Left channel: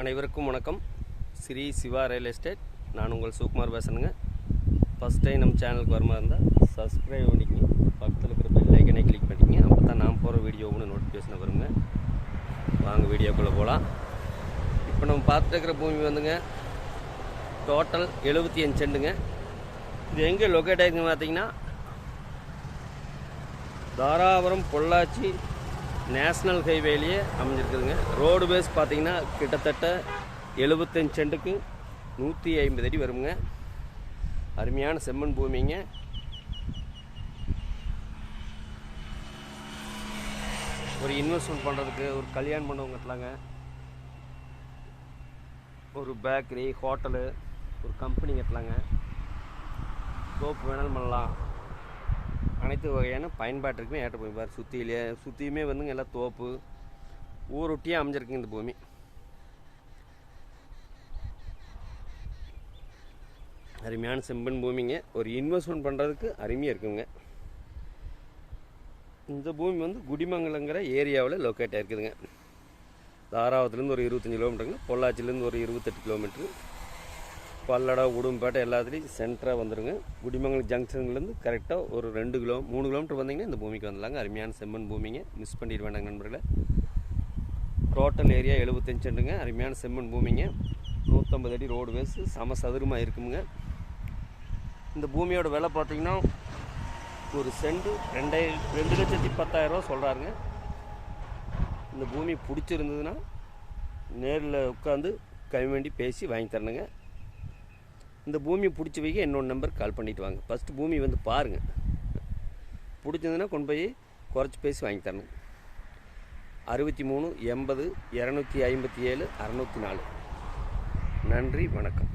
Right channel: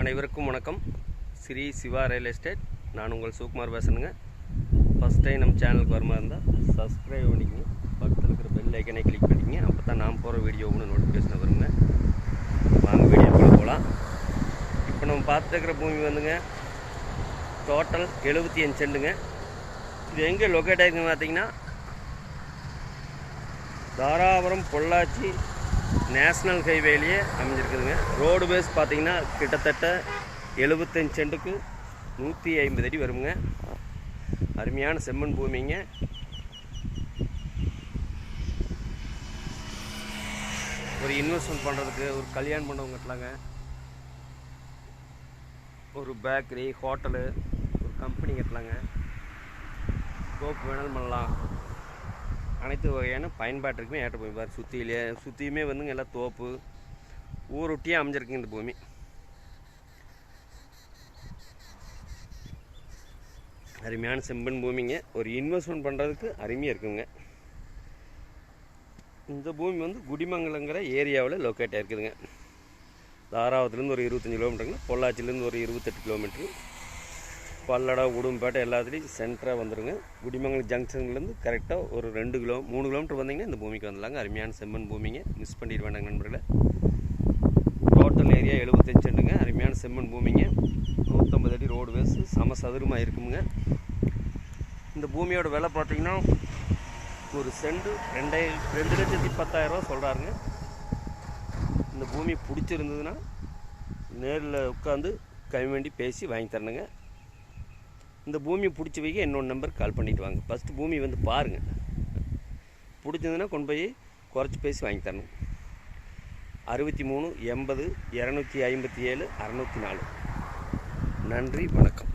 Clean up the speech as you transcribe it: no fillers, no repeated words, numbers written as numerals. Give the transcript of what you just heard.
அனைவருக்கும் வணக்கம். Shri Siva real estate. நான் உங்கள் சுகுமார் பேசுகிறேங்க. ஃபஸ்ட் டைம் நம்ம சேனலுக்கு வர மாதிரி இருந்தால் சப்ஸ்கிரைப் பண்ணிக்கங்க, பக்கத்தில் இருக்கிற பெல் ஐக்கனை கிளிக் பண்ணிக்கங்க. அப்போ தான் நான் போகிற வீடியோ ஒன்று நோட்டிஃபிகேஷன் வருங்க. வாங்க வீடியோக்குள்ளே போகலாம். இப்போ நம்ம பார்த்துட்டு இருக்கிற பூமி வந்துங்க டோட்டல் 75 சென்ட்டுங்க. இது எங்கே லொக்கேட் ஆகிருக்குன்னு பார்த்தீங்கன்னா தாராபுரம் பொள்ளாச்சி நேஷ்னல் ஹைவேலேயே அமைஞ்சிருக்குதுங்க. ரோடு பேஸ் பார்த்தீங்கன்னா கிட்டத்தட்ட 75 சென்ட்டுக்கு 150 அடி வருங்க. அருமையான செம்மண் பூமிங்க. ஒரு இன்வெஸ்ட்மெண்ட் பண்ணுறதுக்கு, ஒரு கல்யாண மண்டபம் கட்டலாங்க, ஒரு பேக்கரி, ஹோட்டலு, ஒரு கம்பெனி கட்டலாங்க, தோப்பு வேணாலும் பண்ணலாம். அனைத்து வகையான பயன்பாட்டிற்குமே ஏற்ற பூமி. பாரு சுற்றியுமே வந்துங்க எல்லாம் தோப்பு ஊரொட்டியே அமைஞ்சிருக்குங்க இந்த பூமி. அருமையான செம்பன் பூமிங்க. ஒரு இன்வெஸ்ட்மெண்ட் பண்ணுறதுக்கு அருமையாக இருக்குங்க. இந்த பூமி வந்து குடிமங்கலங்கிற ஏரியாவில் லொக்கேட் ஆகிருக்குதுங்க. தாராபுரத்துலேருந்து ஒரு 25 கிலோமீட்டருங்க, பொள்ளாச்சிலேருந்து ஒரு 28 கிலோமீட்ரு, பல்லடா, உடும்பேட்டை எல்லாத்துலேயும் சென்டராக வந்துடுங்க. குடிமங்கலம் ஜங்ஷன்லேருந்து கரெக்டாக ஒரு 3 கிலோமீட்டர் வந்தீங்கன்னா இந்த பூமிக்கு வந்துடலாங்க. அருமையான செம்மண் பூமிங்க, மிஸ் பண்ணிட வேண்டாங்க நண்பர்களே. Total area 75 சென்ட்டுங்க. அருமையான செம்மண் பூமிங்க. 150 அடி ரோடு பேஸ், சமசதுரமாக இருக்குங்க. இந்த பூமியோட விலை பார்த்தீங்கன்னா ஒரு சென்ட் 2,10,000 சொல்கிறாருங்க. இந்த பூமி பிடிச்சிருந்ததுன்னா நேரில் உட்காந்து கம்மி பேசி வாங்கி தரணுங்க. இந்த பூமி பிடிச்சி வைக்க என்னோட நம்பர் கால் பண்ணிவிட்டு வாங்க. ஃபஸ்ட்டு பூமி வந்து பாருங்கள், பிடிச்சதுன்னா கொண்டு போய் குறைச்சி பேசி வாங்கி தரணும். 63 80 257 604. நன்றி, வணக்கம்.